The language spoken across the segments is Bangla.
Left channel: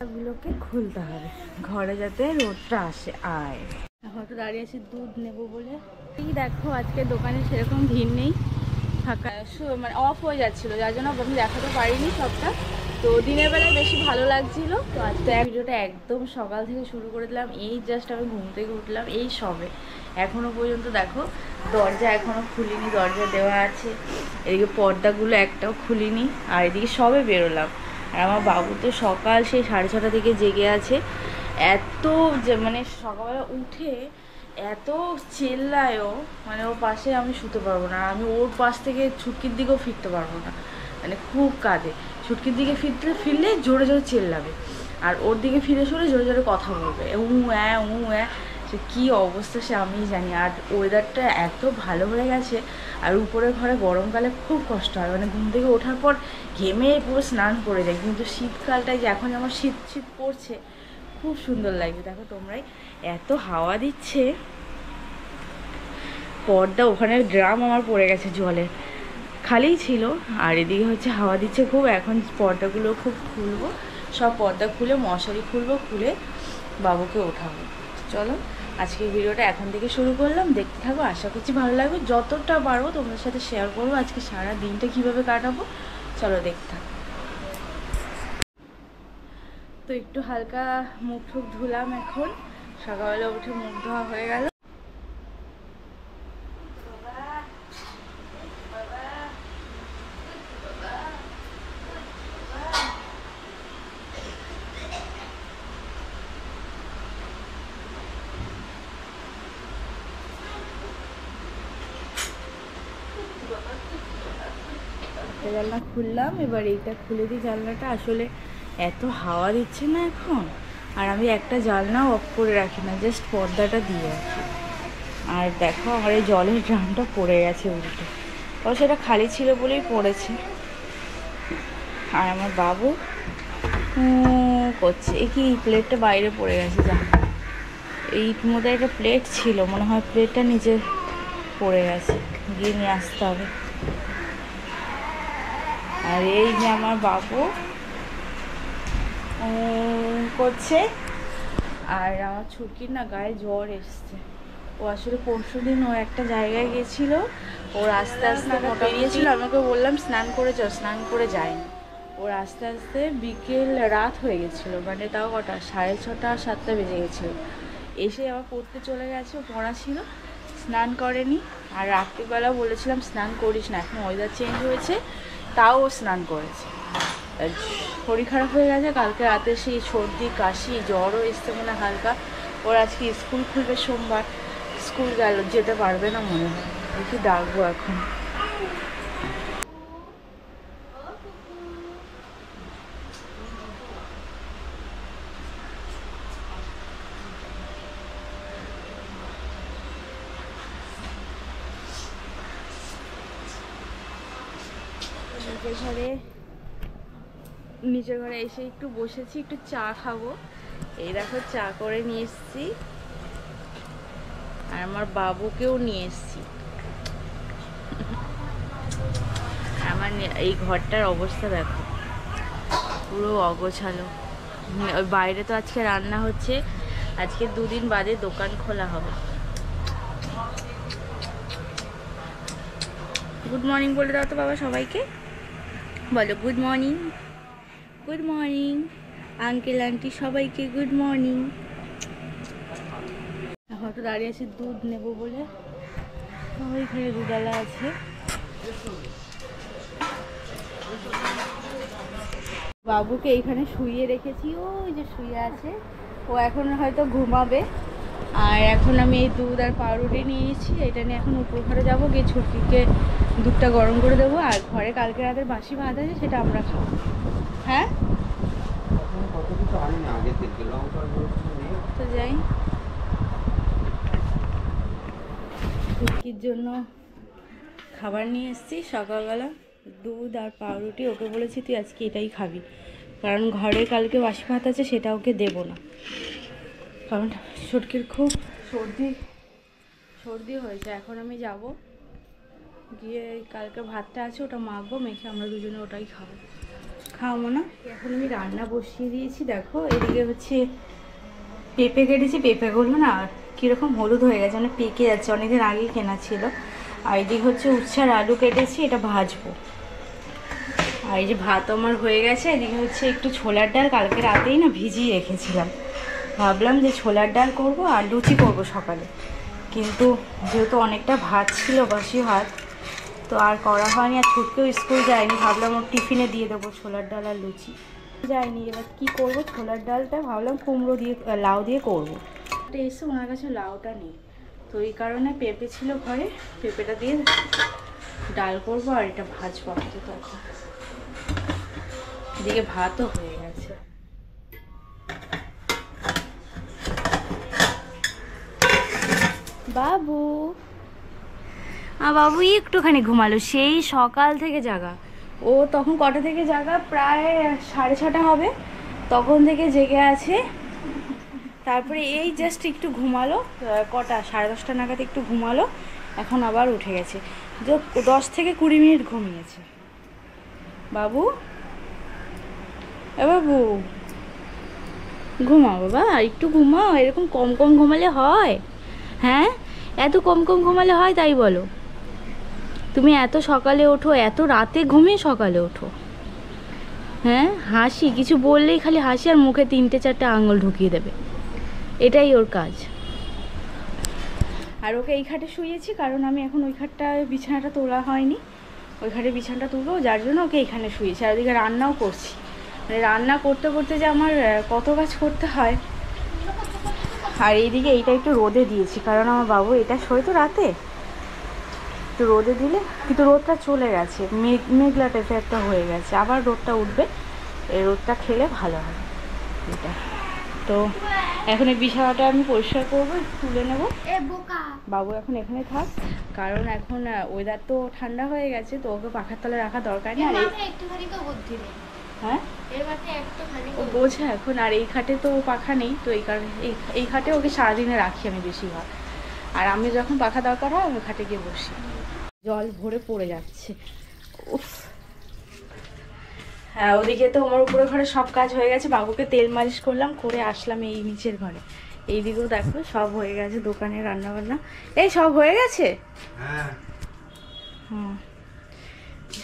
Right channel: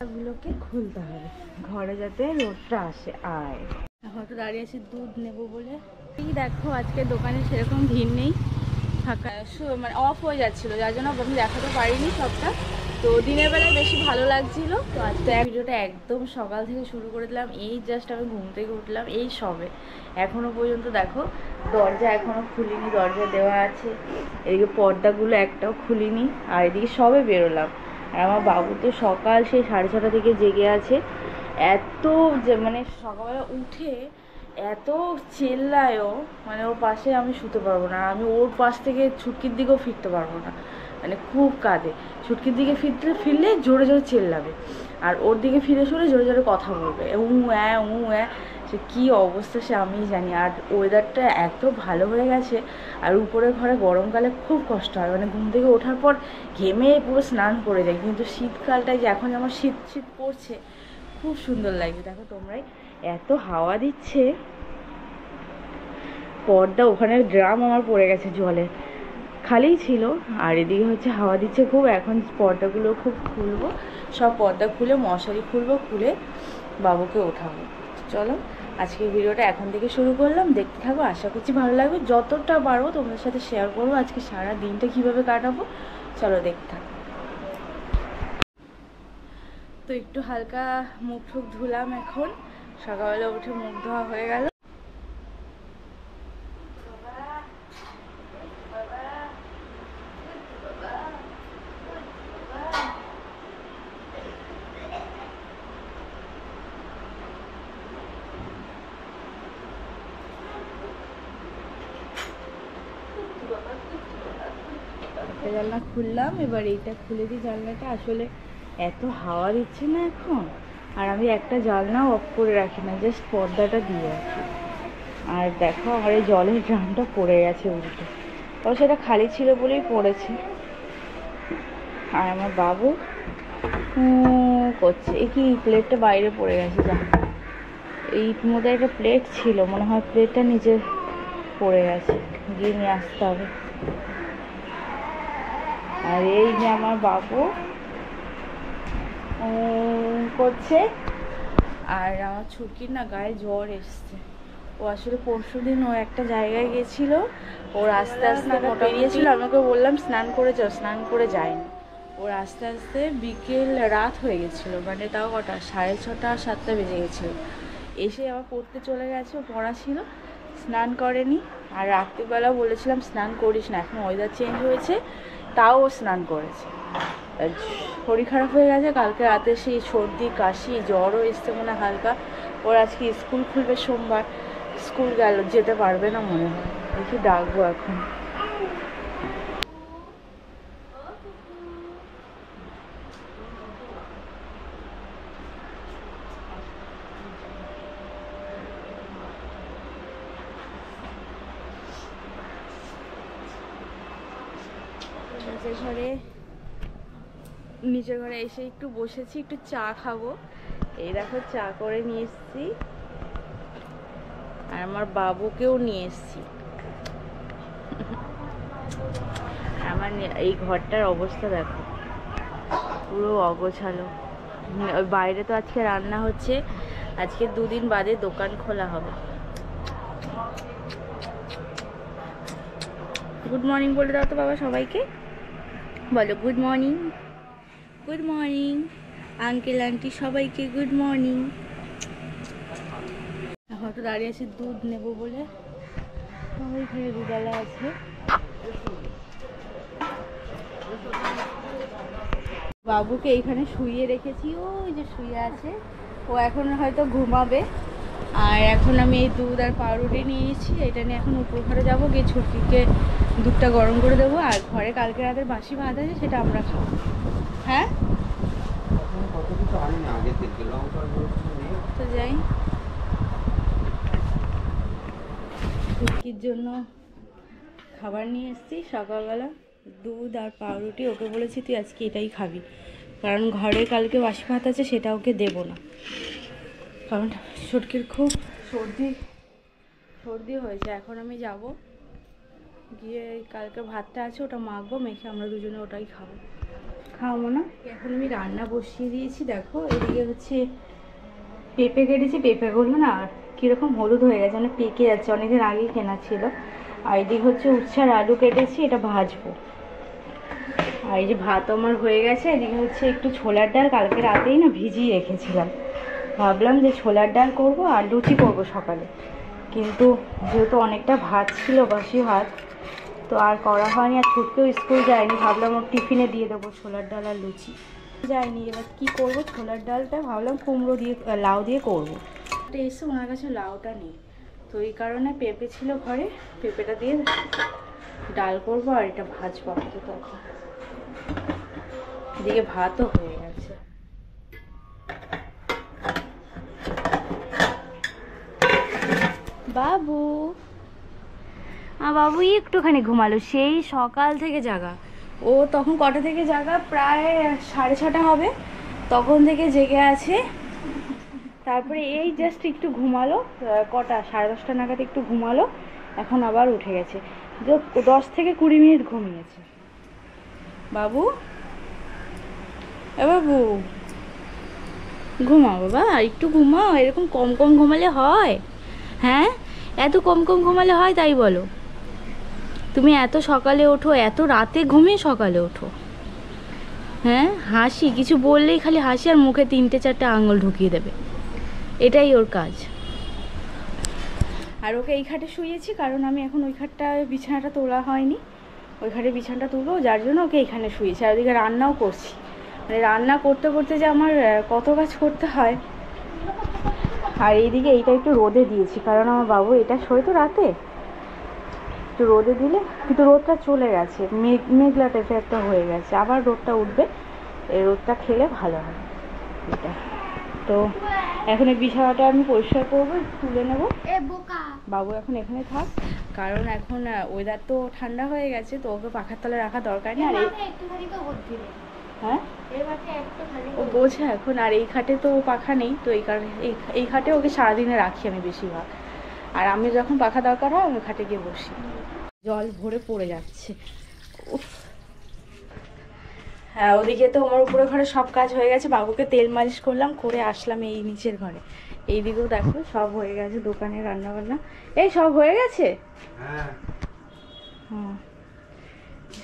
গুলোকে খুলতে হবে ঘরে যাতে রোদটা আসে। আয় এখন তো দাঁড়িয়ে আছি দুধ নেব বলে। এই দেখো আজকে দোকানে সেরকম ভিড় নেই, ফাঁকা মানে অফ হয়ে যাচ্ছিলো, যার জন্য আমি দেখাতে পারিনি সবটা। তো দিনের বেলায় বেশি ভালো লাগছিল। তো আজকে ভিডিওটা একদম সকাল থেকে শুরু করে দিলাম। এই জাস্ট আমি ঘুম থেকে উঠলাম, এই সবে এখনো পর্যন্ত দেখো দরজা এখনো খুলিনি, দরজা দেওয়া আছে, এদিকে পর্দাগুলো একটাও খুলিনি, আর এদিকে সবে বেরোলাম। আর আমার বাবু তো সকাল সেই 6:30 থেকে জেগে আছে। এত যে মানে সকালবেলা উঠে এত চেল্লায়ও, মানে ওর পাশে আমি শুতে পারবো না, আমি ওর পাশ থেকে ছুটকির দিকেও ফিরতে পারবো না, মানে খুব কাঁদে। ছুটকির দিকে ফিরলে জোরে জোরে চেল্লাবে, আর ওর দিকে ফিরে সরে জোরে জোরে কথা বলবে, সে কী অবস্থা সে আমিই জানি। আর ওয়েদারটা এত ভালো হয়ে গেছে, আর উপরের ঘরে গরমকালে খুব কষ্ট হয়, মানে ঘুম থেকে ওঠার পর ঘেমে পুরো স্নান করে যায়। কিন্তু শীতকালটায় যে এখন যেমন শীত শীত পড়ছে, খুব সুন্দর লাগছে। দেখো তোমরাই, এত হাওয়া দিচ্ছে। পর্দা ওখানের ড্রাম আমার পড়ে গেছে জলে, খালিই ছিল, আর এদিকে হচ্ছে হাওয়া দিচ্ছে খুব। এখন পর্দাগুলো খুব খুলবো, সব পর্দা খুলে মশারি খুলবো, খুলে বাবুকে ওঠাবো। চলো আজকের ভিডিওটা এখন থেকে শুরু করলাম, দেখতে থাকো, আশা করছি ভালো লাগবে। যতটা পারবো তোমাদের সাথে শেয়ার করবো আজকে সারা দিনটা কিভাবে কাটাবো। চলো দেখতে থাকো। তো একটু হালকা মুখ টুক ধুলাম, এখন সকালবেলা উঠে মুখ ধোয়া হয়ে গেল। একটা জানলা খুললাম, এবার এইটা খুলে দিই জানলাটা। আসলে এত হাওয়া দিচ্ছে না এখন, আর আমি একটা জানলাও অফ করে রাখি না, জাস্ট পর্দাটা দিয়ে রাখি। আর দেখো আমার এই জলের ড্রামটা পড়ে গেছে উল্টো, ও সেটা খালি ছিল বলেই পড়েছে। আর আমার বাবু করছে, এই কি প্লেটটা বাইরে পড়ে গেছে, যা এই মধ্যে একটা প্লেট ছিল, মনে হয় প্লেটটা নিচে পড়ে গেছে, গিয়ে নিয়ে আসতে হবে। আর এই যে আমার বাবু করছে। আর আমার ছুটকির না গায়ে জ্বর এসছে। ও আসলে পরশুদিন ও একটা জায়গায় গেছিল, ওর আস্তে আস্তে বেরিয়েছিল, আমাকে বললাম স্নান করে যাও, স্নান করে যায়নি। ওর আস্তে আস্তে বিকেল রাত হয়ে গেছিলো, মানে তাও কটা 6:30 7টা বেজে গেছিলো। এসে আবার পড়তে চলে গেছে, ও পড়া ছিল, স্নান করেনি। আর রাত্রিবেলা বলেছিলাম স্নান করিস না, এখন ওয়েদার চেঞ্জ হয়েছে, তাও ও স্নান করেছে। শরীর খারাপ হয়ে গেছে, কালকে রাতে সেই সর্দি কাশি জ্বরও এসছে মনে হালকা। ওর আজকে স্কুল খুলবে সোমবার, স্কুল যেতে পারবে না মনে হয়, দেখি ডাকবো এখন। নিচের ঘরে এসে একটু বসেছি, একটু চা খাবো। এই দেখো চা করে নিয়ে এসছি, আর আমার বাবুকেও নিয়ে এসছি। আমার এই ঘরটার অবস্থা দেখো, পুরো অগোছালো। ওই বাইরে তো আজকে রান্না হচ্ছে, আজকে 2 দিন বাদে দোকান খোলা হবে। গুড মর্নিং বলে দাও তো বাবা সবাইকে, বলো good morning. Good morning uncle aunty সবাইকে গুড মর্নিং। এখন তো দাঁড়িয়ে আছি দুধ নেব বলে, ওইখানে দুধওয়ালা আছে। বাবুকে এইখানে শুইয়ে রেখেছি, ওই যে শুয়ে আছে, ও এখন হয়তো ঘুমাবে। আর এখন আমি এই দুধ আর পাউরুটি নিয়েছি, এটা নিয়ে এখন উপর ঘরে যাবো, গিয়ে ছুটকিকে দুধটা গরম করে দেবো। আর ঘরে কালকে রাতের বাসি ভাত আছে, সেটা আমরা খাবো। হ্যাঁ তো যাই, ছুটকির জন্য খাবার নিয়ে এসেছি সকালবেলা, দুধ আর পাউরুটি। ওকে বলেছি তুই আজকে এটাই খাবি, কারণ ঘরে কালকে বাসি ভাত আছে, সেটা ওকে দেবো না, কারণ ছুটকির খুব সর্দি হয়েছে। এখন আমি যাব, গিয়ে কালকে ভাতটা আছে ওটা মাখবো, মেখে আমরা দুজনে ওটাই খাবো। খাওয়াবো না। এখন আমি রান্না বসিয়ে দিয়েছি। দেখো এদিকে হচ্ছে পেঁপে কেটেছি, পেঁপেগুলো না কীরকম হলুদ হয়ে গেছে, মানে পেকে যাচ্ছে, অনেকদিন আগেই কেনা ছিল। আর এদিকে হচ্ছে উচ্ছে আর আলু কেটেছি, এটা ভাজবো। আর এই যে ভাত আমার হয়ে গেছে। এদিকে হচ্ছে একটু ছোলার ডাল কালকে রাতেই না ভিজিয়ে রেখেছিলাম, ভাবলাম যে ছোলার ডাল করব আর লুচি করব সকালে, কিন্তু যেহেতু অনেকটা ভাত ছিল, বাসি ভাত, তো আর করা হয়নি। আর ছুটকেও স্কুল যায়নি, ভাবলাম ওর টিফিনে দিয়ে দেবো ছোলার ডাল আর লুচি। যায়নি, এবার কী করবো, ছোলার ডালটা ভাবলাম কুমড়ো দিয়ে লাউ দিয়ে করবো। এটা এসে ওনার কাছে লাউটা নেই, তো এই কারণে পেঁপে ছিল ঘরে, পেঁপেটা দিয়ে ডাল করবো আর এটা ভাজবো আপাতত। এখন এদিকে ভাতও হয়ে গেছে। বাবু বাবু একটুখানি ঘুমালো, সেই সকাল থেকে জাগা। ও তখন কটা থেকে জাগা, প্রায় 6:30 হবে, তখন থেকে জেগে আছে। তারপরে এই জাস্ট একটু ঘুমালো, কটা 10:30 নাগাদ একটু ঘুমালো, এখন আবার উঠে গেছে। 10 থেকে 20 মিনিট ঘুমিয়েছে। বাবু বাবু ঘুমাও বাবা, একটু ঘুমাও, এরকম কম কম ঘুমালে হয়? হ্যাঁ, এত কম কম ঘুমালে হয় তাই বলো? তুমি এত সকালে ওঠো, এত রাতে ঘুমিয়ে সকালে ওঠো। হ্যাঁ, হাসি, কিছু বললেই খালি হাসি আর মুখে 3-4টে আঙুল ঢুকিয়ে দেবে, এটাই ওর কাজ। আর ওকে এই খাটে শুয়েছি, কারণ আমি এখন ওই খাটটায় বিছানাটা তোলা হয়নি, ওই খাটে বিছানাটা তুলবো, যার জন্য ওকে এইখানে শুয়েছি। আর ওদিকে রান্নাও করছি, মানে রান্না করতে করতে যে আমার কত কাজ করতে হয়। আর এইদিকে এইটা একটু রোদে দিয়েছি, কারণ আমার বাবু এটা শোয় তো রাতে, একটু রোদে দিলে, কিন্তু রোদটা চলে গেছে, মেঘলা টাইপের একটা হয়ে গেছে, আবার রোদটা উঠবে, এই রোদটা খেলে ভালো হবে এটা। তো এখন এই বিছানাটা আমি পরিষ্কার করবো, তুলে নেবো। বাবু এখন এখানে থাক, কারণ এখন ওয়েদার তো ঠান্ডা হয়ে গেছে, তো ওকে পাখার তলে রাখা দরকার নেই। আর হ্যাঁ, ও বোঝে এখন। আর এই খাটে তো পাখা নেই, তো এই কারণে এই খাটে ওকে সারাদিনে রাখি আমি বেশিরভাগ। আর আমি যখন পাখা দরকার হয় আমি খাটে গিয়ে বসি। জল ভরে পড়ে যাচ্ছে। উফ, হ্যাঁ, ওদিকে তো আমার উপরে ঘরে সব কাজ হয়ে গেছে, বাবুকে তেল মালিশ করলাম, করে আসলাম এই নিচের ঘরে। এইদিকেও দেখো সব হয়ে গেছে, দোকানে রান্না বান্না এই সব হয়ে গেছে। হুম,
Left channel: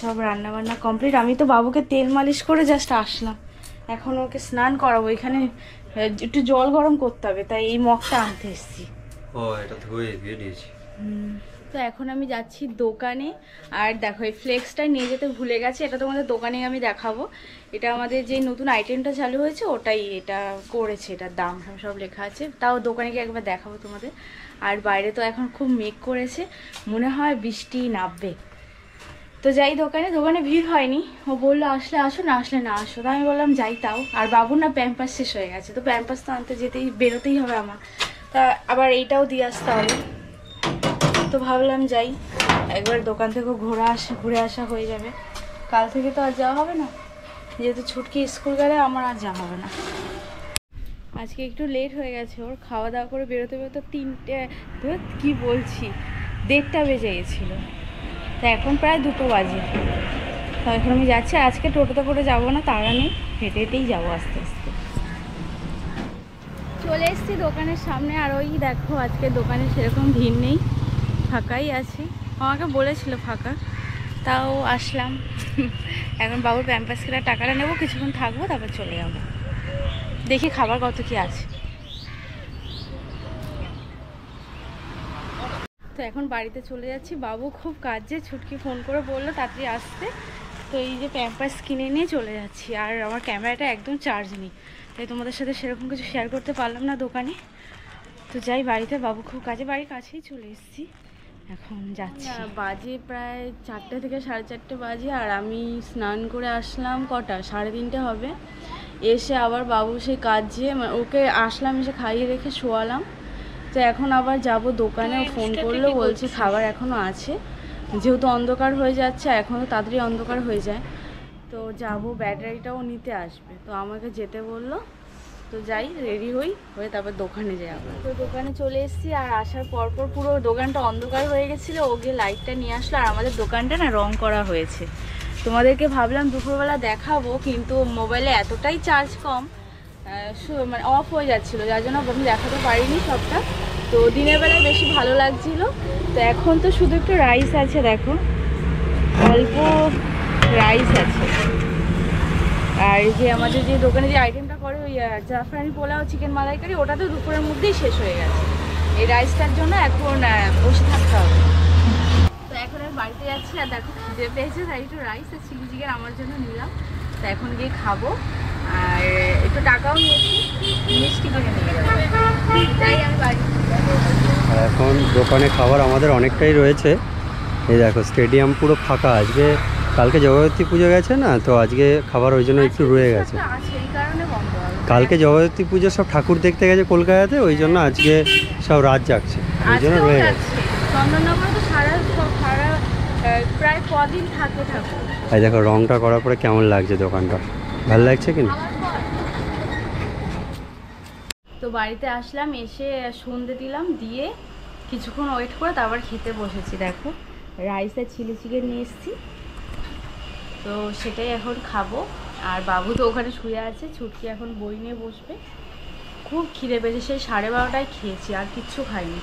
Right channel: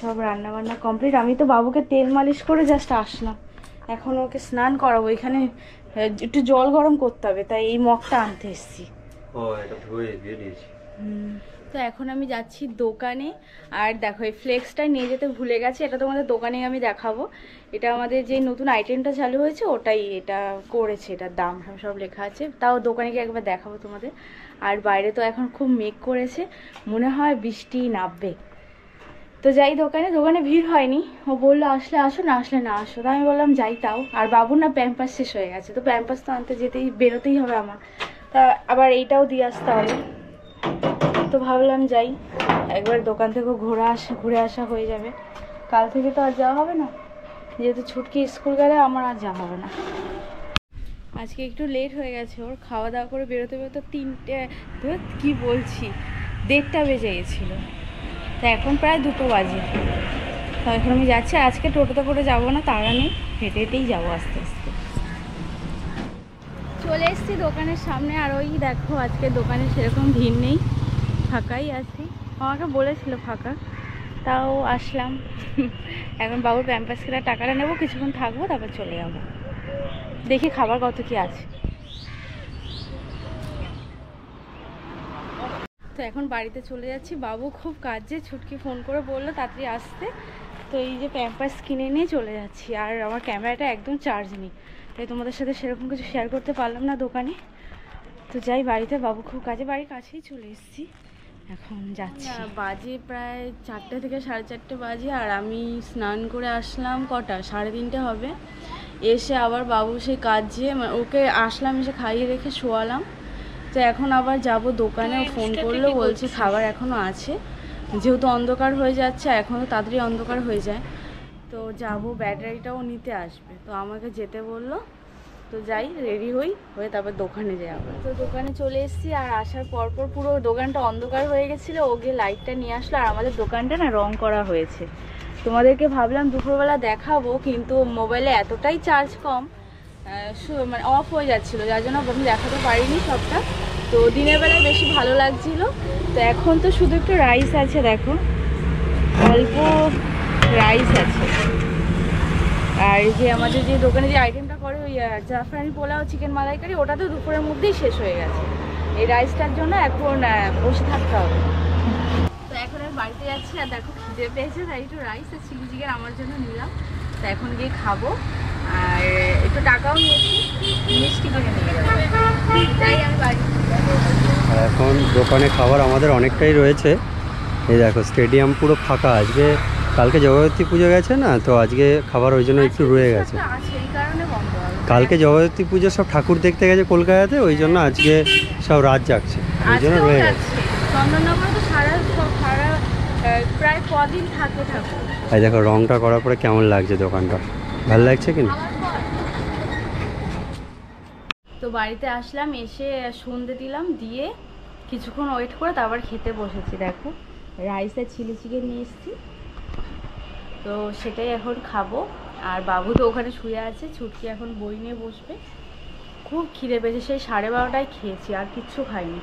সব রান্না বান্না কমপ্লিট। আমি তো বাবুকে তেল মালিশ করে জাস্ট আসলাম, এখন ওকে স্নান করাবো। এখানে একটু জল গরম করতে হবে, তাই এই মগটা আনতে এসেছি। তো এখন আমি যাচ্ছি দোকানে। আর দেখো এই ফ্লেক্সটা নিয়ে যেতে ভুলে গেছি, এটা তোমাদের দোকানে আমি দেখাবো। এটা আমাদের যে নতুন আইটেমটা চালু হয়েছে ওটাই এটা করেছে, এটার দাম সব লেখা আছে, তাও দোকানে গিয়ে একবার দেখাবো তোমাদের। আর বাইরে তো এখন খুব মেঘ করেছে, মনে হয় বৃষ্টি নামবে। তো যাই দোকানে, দোকানে ভিড় হয়নি, ও বললো আসলে আসো, না আসলে না আসো, তো আমি বললাম যাই। তাও আর বাবুর না প্যাম্পাস শেষ হয়ে গেছে, তো প্যাম্পাস তো আনতে বেরোতেই হবে আমার, তা আবার এইটাও দিয়ে আসতে হবে। তো ভাবলাম যাই একবার, দোকান থেকেও ঘুরে আসা হয়ে যাবে। কাল থেকে তো আর যাওয়া হবে না, যেহেতু ছুটকি স্কুল গেলে আমার আর যাওয়া হবে না। আজকে একটু লেট হয়ে গেছে, ওর খাওয়া দাওয়া করে বেরোতে বেরোতে 1:30 বেজে গেছিলো, তা এখন প্রায় 2 বাজে। তো এখন আমি যাচ্ছি, আজকে টোটোতে করে যাবো না, তাড়া নেই, হেঁটে হেঁটেই যাবো আস্তে আস্তে। চলে এসেছি দোকানের সামনে, আর ওই দেখো আজকে দোকানে সেরকম ভিড় নেই, ফাঁকাই আছি। আমাকে বলেছিল ফাঁকা, তাও আসলাম। এখন বাবুর প্যাম্পাস কেনার টাকাটা নেবো, কিছুক্ষণ থাকবো, তারপর চলে যাবো, দেখি খাবার কত কি আছে। তো এখন বাড়িতে চলে যাচ্ছি, বাবু খুব কাজে, ছুটকি ফোন করে বললো তাড়াতাড়ি আসতে, তো এই যে প্যাম্পাস কিনে নিয়ে চলে যাচ্ছি। আর আমার ক্যামেরাটা একদম চার্জ নেই, তাই তোমাদের সাথে সেরকম কিছু শেয়ার করতে পারলাম না দোকানে। তো যাই বাড়িতে, বাবু খুব কাজে, বাড়ির কাছেই চলে এসেছি, এখন যাচ্ছি। বাজে প্রায় 4টে থেকে 4:30 বাজে, আর আমি স্নান করে আসলাম কটা 3:30 হবে। এসে আবার বাবু সেই কাজে, ওকে আসলাম, এসে খাইয়ে রেখে শোয়ালাম। তো এখন আবার যাব দোকানে, ফোন করলো, বলছে খাবার এখনও আছে, যেহেতু অন্ধকার হয়ে যাচ্ছে, এখনও তাড়াতাড়ি অন্ধকার হয়ে যায়, তো যাব, ব্যাটারিটাও নিতে আসবে, তো আমাকে যেতে বললো। তো যাই, রেডি হয়ে তারপর দোকানে যাই আবার। তো দোকানে চলে এসেছি, আর আসার পরপর পুরো দোকানটা অন্ধকার হয়ে গেছিলো, ও গিয়ে লাইটটা নিয়ে আসলো। আর আমাদের দোকানটা না রং করা হয়েছে, তোমাদেরকে ভাবলাম দুপুরবেলা দেখাবো, কিন্তু মোবাইলে এতটাই চার্জ কম, মানে অফ হয়ে যাচ্ছিলো, যার জন্য আমি দেখাতে পারিনি সবটা। তো দিনের বেলায় বেশি ভালো লাগছিল। তো এখন তো শুধু একটু রাইস আছে, দেখো অল্প রাইস আছে। আর যে আমাদের যে দোকানে যে আইটেমটা করে ওই জাফরানি পোলাও চিকেন মালাইকারি, ওটা তো দুপুরের মধ্যেই শেষ হয়ে গেছে। এই রাইসটার জন্য এখন বসে থাকতে হবে। তো এখন আমি বাড়িতে যাচ্ছি, আর দেখো খিদে পেয়েছে, তাই একটু রাইস আর চিলি চিকেন আমার জন্য নিলাম। তো এখন গিয়ে খাবো, আর একটু টাকাও নিয়েছি, মিষ্টি কিনে নিয়ে যাবো, তাই আমি বাড়ি। আর এখন দোকানে খাবার আমাদের অনেকটাই রয়েছে। এই দেখো স্টেডিয়াম পুরো ফাঁকা। আজকে কালকে জগদ্ধাত্রী পুজো গেছে না, তো আজকে খাবার ওই জন্য একটু রয়ে গেছে। কালকে জগদ্ধাত্রী পুজো সব ঠাকুর দেখতে গেছে কলকাতাতে, ওই জন্য আজকে সব রাত জাগছে, ওই জন্য রয়ে গেছে। চন্দননগরে তো সারা প্রায় কদিন থাকে ঠাকুর। এই দেখো রংটা করার পরে কেমন লাগছে দোকানটা, ভালো লাগছে কিনা। তো বাড়িতে আসলাম, এসে সন্ধে দিলাম, দিয়ে কিছুক্ষণ ওয়েট করে তারপর খেতে বসেছি। দেখো রাইস আর চিলি চিকেন নিয়ে এসেছি, তো সেটাই এখন খাবো। আর বাবু তো ওখানে শুয়ে আছে, ছুটকি এখন বই নিয়ে বসবে। খুব খিদে পেয়েছে, সেই 12:30টায় খেয়েছি, আর কিচ্ছু খাইনি।